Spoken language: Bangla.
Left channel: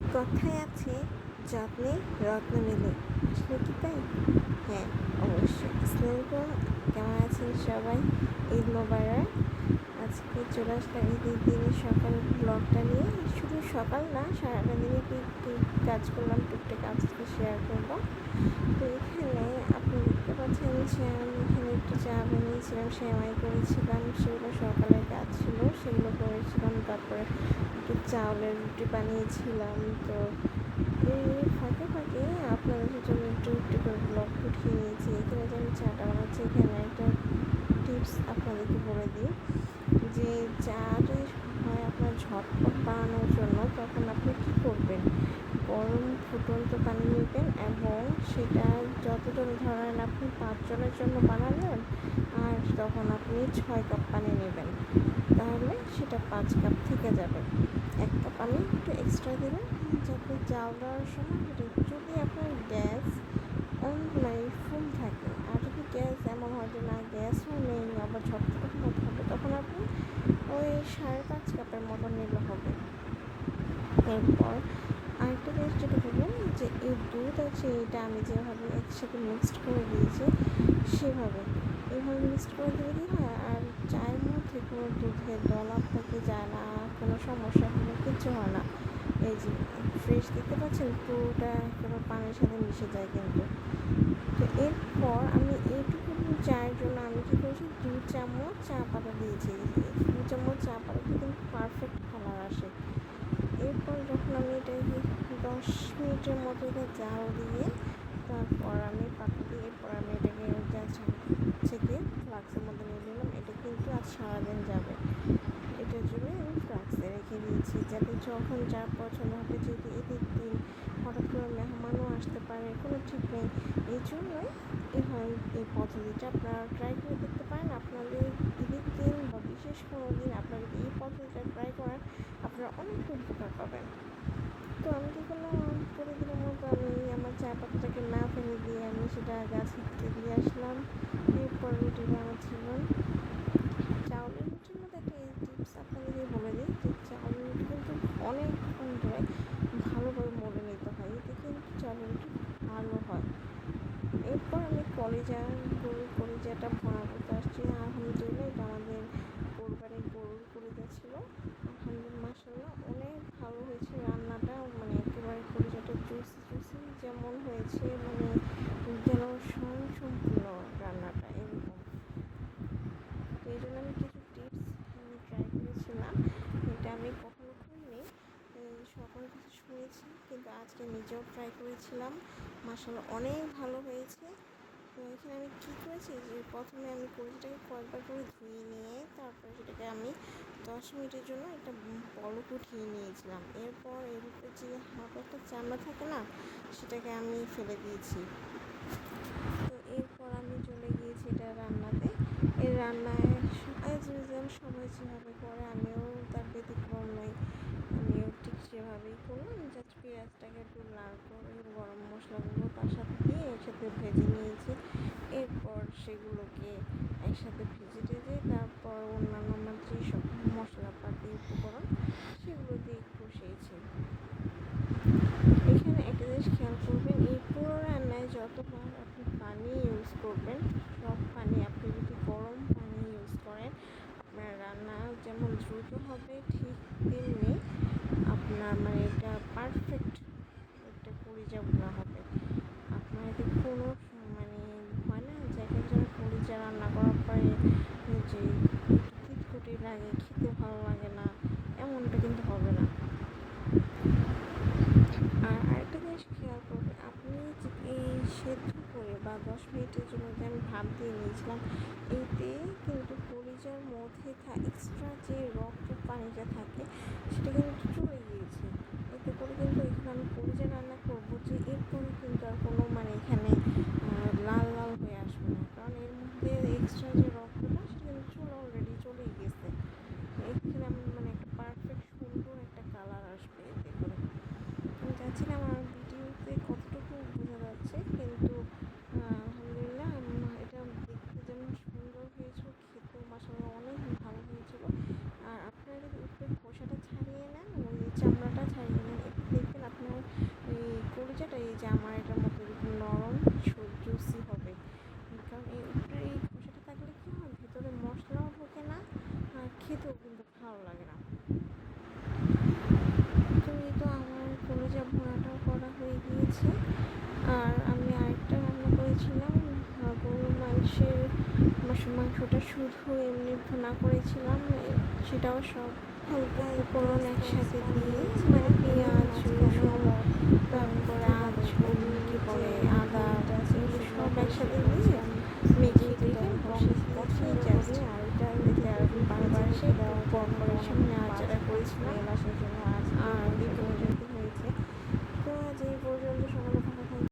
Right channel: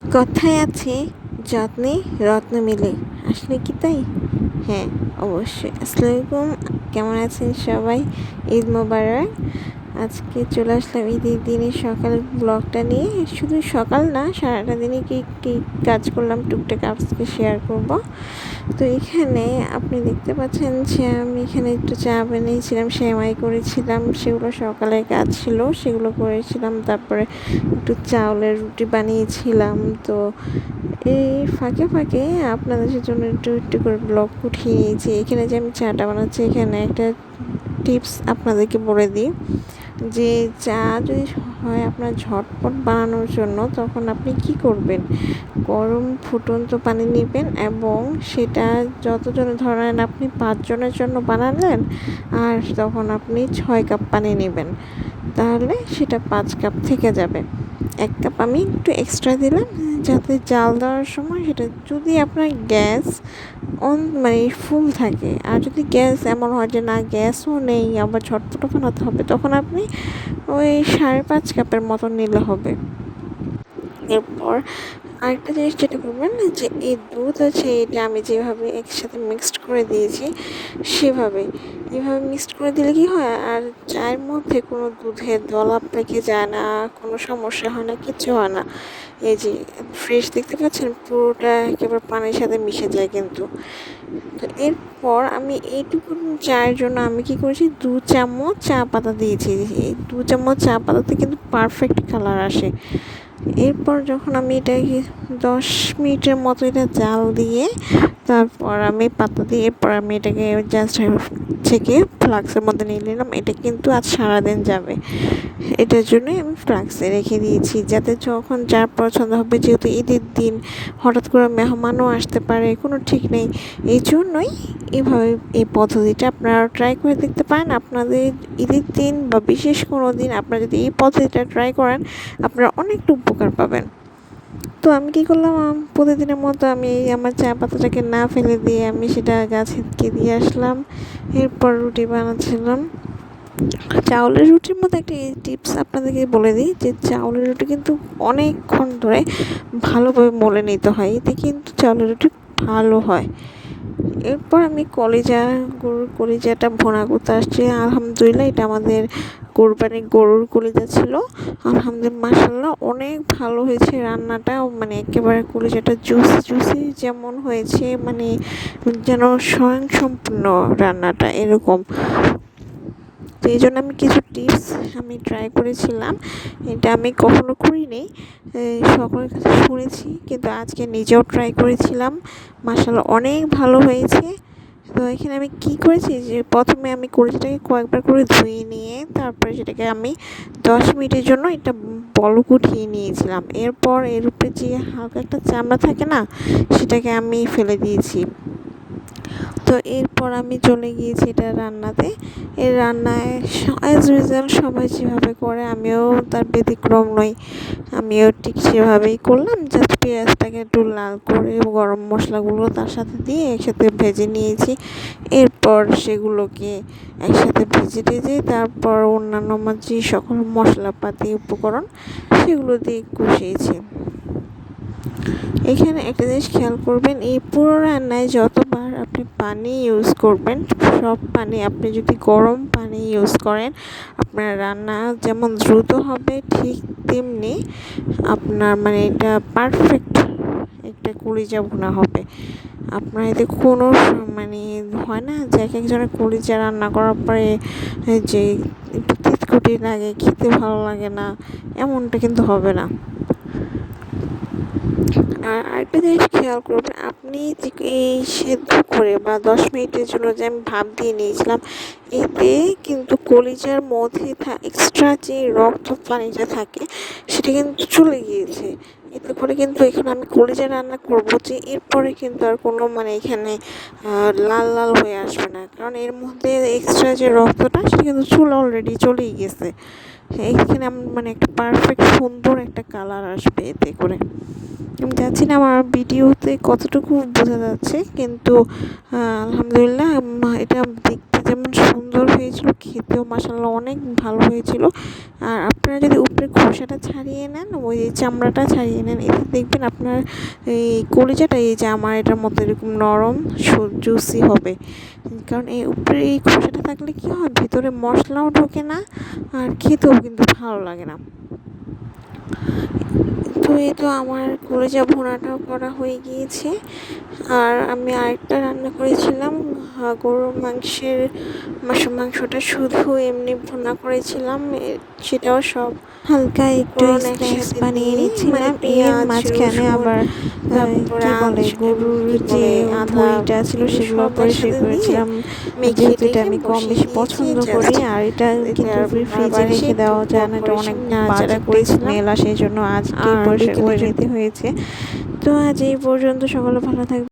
কথায় আছে যত্নে রত্ন মেলে, আসলে কি তাই? হ্যাঁ, অবশ্যই। আসসালামু আলাইকুম, কেমন আছেন সবাই? ঈদ মোবারক। আজকে চলে আসলাম ঈদের দিনের সকাল ব্লগটা নিয়ে। শুধু সকাল না, সারাটা দিনে কী কী কাজ করলাম টুকটাক আজকে শেয়ার করব। তো এখানে আপনি দেখতে পাচ্ছেন যে আমি এখানে একটু চা বানিয়েছিলাম, সেমাই করেছিলাম, সেগুলো সকালের কাজ ছিল, সেগুলো করেছিলাম। তারপরে একটু চাউলের রুটি বানিয়েছিলাম। তো এই ফাঁকে ফাঁকে আপনাদের জন্য একটু একটু করে ব্লগ উঠিয়ে নিয়েছি। এখানে যে আমি চাটা বানাচ্ছি, এখানে একটা টিপস আপনাদেরকে বলে দিই যে চা যদি হয় আপনার ঝটপট বানানোর জন্য, তখন আপনি কি করবেন, গরম ফুটন্ত পানি নেবেন এবং সেটা যতজনের ধরেন আপনি 5 জনের জন্য বানালেন, আর তখন আপনি 6 কাপ পানি নেবেন, তাহলে সেটা 5 কাপ থেকে যাবে। 1 কাপ আমি একটু এক্সট্রা দিলাম যাতে জাল দেওয়ার সময় সেটা, যদি আপনার গ্যাস অন মানে ফুল থাকে, আর যদি গ্যাস এমন হয় যে না গ্যাসও নেই আবার ঝটপট বানাতে হবে, তখন আপনি ওই 5.5 কাপের মতো নিলে হবে। এরপর আরেকটা জিনিস যেটা করবেন যে এই দুধ আছে, এটা আমি যেভাবে একসাথে মিক্সড করে দিয়েছি সেভাবে, এভাবে মিক্সড করে দিলে কি হয়, আর চায়ের মধ্যে কোনো দুধের দলা পেকে যায় না, কোনো সমস্যা হয় না, কিচ্ছু হয় না। এই যে ফ্রেশ দেখতে পাচ্ছেন, পুরোটা একেবারে পানির সাথে মিশে যায় কিন্তু। তো এরপর আমি এইটুকু চায়ের জন্য আমি কি করেছি, 2 চামচ চা পাতা দিয়েছি। এই 2 চামচ চা পাতাতে কিন্তু পারফেক্ট কালার আসে। এরপর যখন আমি এটাকে 10 মিনিটের মতো এটা জাল দিয়ে, তারপর আমি পাতা দিয়ে, এরপর আমি এটাকে জাস্ট ছেঁকে ফ্লাক্সের মধ্যে নিয়ে নিলাম। এটা কিন্তু আজ সারাদিন যাবে, এটার জন্যই আমি ফ্লাক্সে রেখে দিয়েছি, যাতে যখন যার পছন্দ হবে, যেহেতু ঈদের দিন হঠাৎ করে মেহমানও আসতে পারে, কোনো ঠিক নেই, এই জন্যই এভাবে এই পদ্ধতিটা আপনারা ট্রাই করে দেখতে পারেন। আপনাদের ঈদের দিন বা বিশেষ কোনো দিন আপনারা যদি এই পদ্ধতিটা ট্রাই করেন, আপনারা অনেকটা উপকার পাবেন। তো আমি কী করলাম, প্রতিদিনের মতো আমি আমার চা পাতাটাকে না ফেলে দিয়ে আমি সেটা গাছে দিয়ে আসলাম। এরপর রুটি বানাচ্ছিলাম। চাউলের রুটির মধ্যে একটা টিপস আপনাদেরকে বলে দিই, যে চাউলের রুটি কিন্তু অনেকক্ষণ ধরে ভালোভাবে মলে নিতে হয়, এতে কিন্তু চাউলের রুটি ভালো হয়। এরপর আমি গরুর কলিজাটা ভুনা করতে আসছি। আলহামদুলিল্লাহ, এটা আমাদের কোরবানির গরুর কলিজা ছিল। আলহামদুলিল্লাহ, মাশাআল্লাহ, অনেক ভালো হয়েছে রান্নাটা। মানে একেবারে কলিজাটা জুসি জুসি যেমন হয়েছে, মানে যেন স্বয়ংসম্পূর্ণ রান্নাটা এরকম। তো এই জন্য আমি কিছু টিপস আমি ট্রাই করেছিলাম, এটা আমি কখনো করিনি, সকলের কাছে শুনেছি, কিন্তু আজকে নিজেও ট্রাই করেছিলাম। মাশাআল্লাহ, অনেক ভালো হয়েছে। তো এখানে আমি কি করেছি, যে প্রথমে আমি কলিজাটাকে কয়েকবার করে ধুয়ে নিয়ে তারপরে সেটাকে আমি 10 মিনিটের জন্য এটা বলক উঠিয়ে নিয়েছিলাম। এরপর এর উপরে যে হালকা একটা চামড়া থাকে না, সেটাকে আমি ফেলে দিয়েছি। তো এরপর আমি চলে গিয়েছি এটা রান্নাতে। এই রান্নায় অ্যাজ ইউজুয়াল সবাই যেভাবে করে, আমিও তার ব্যতিক্রম নই। আমিও ঠিক সেভাবেই করলাম, জাস্ট পেঁয়াজটাকে একটু লাল করে গরম মশলাগুলো তার সাথে দিয়ে একসাথে ভেজে নিয়েছি। এরপর সেগুলোকে একসাথে ভেজে টেজে তারপর অন্যান্য আমার যে সকল মশলাপাতি উপকরণ সেগুলো দিয়ে কষিয়েছি। এখানে একটা জিনিস খেয়াল করবেন, এই পুরো রান্নায় যতবার আপনি পানি ইউজ করবেন, সব পানি আপনি যদি গরম পানি ইউজ করেন, আপনার রান্না যেমন দ্রুত হবে, ঠিক তেমনি আপনার মানে এটা পারফেক্ট একটা কলিজা ভুনা হবে। আপনার এতে কোনো মানে হয় না যে এক একজনের কলিজা রান্না করার পরে যে একটু তিতকুটি লাগে, খেতে ভালো লাগে না, এমনটা কিন্তু হবে না। আর আরেকটা জিনিস খেয়াল করবেন, আপনি যে এই সেদ্ধ করে বা 10 মিনিটের জন্য যে আমি ভাপ দিয়ে নিয়েছিলাম, এতে কিন্তু কলিজার মধ্যে এক্সট্রা যে রক্ত পানিটা থাকে সেটা কিন্তু চলে গিয়েছে। এতে করে কিন্তু এখানে আমি কলিজা রান্না করবো, যে এরপরে কিন্তু আর কোনো মানে এখানে লাল লাল হয়ে আসবে না, কারণ এর মধ্যে এক্সট্রা যে রক্তটা সেটা কিন্তু অলরেডি চলেই গেছে। এইখানে আমার মানে একটা পারফেক্ট সুন্দর একটা কালার আসবে এতে করে। আমি জানি না আমার ভিডিওতে কতটুকু বোঝা যাচ্ছে, কিন্তু আলহামদুলিল্লাহ এটা দেখতে যেমন সুন্দর হয়েছিল, খেতেও মাশাআল্লাহ অনেক ভালো হয়েছিল। আর আপনারা যদি উপরে খোসাটা ছাড়িয়ে নেন, ওই চামড়াটা ছাড়িয়ে নেন, এতে দেখবেন আপনার এই কলিজাটা এই যে আমার এটার মতো এরকম নরম জুসি হবে। কারণ এই উপরে এই খোসাটা থাকলে কি হয়, ভিতরে মশলাও ঢোকে না আর খেতেও কিন্তু ভালো লাগে না। তো এই তো আমার কলিজা ভুনাটাও করা হয়ে গিয়েছে। আর আমি আরেকটা রান্না করেছিলাম, গরুর মাংসটা শুধু এমনি ভুনা করেছিলাম, সেটাও সব হালকা একটু স্ন্যাক্স বানিয়ে নিচ্ছিলাম। এর মাঝখানে আবার কি বলে গরুর যে ভুঁড়িটা ছিল সেগুলো পরিষ্কার করেছিলাম, যেহেতু এটা আমি কম বেশি পছন্দ করি। আর এটা কিন্তু ফ্রিজে রেখে দেওয়া যায় না, এটা অনেক বাজে স্মেল আসে, সেই জন্য আজকে পরিষ্কার করে নিতে হয়েছে। তো আজ এই পর্যন্ত, সকলে ভালো থাকবে।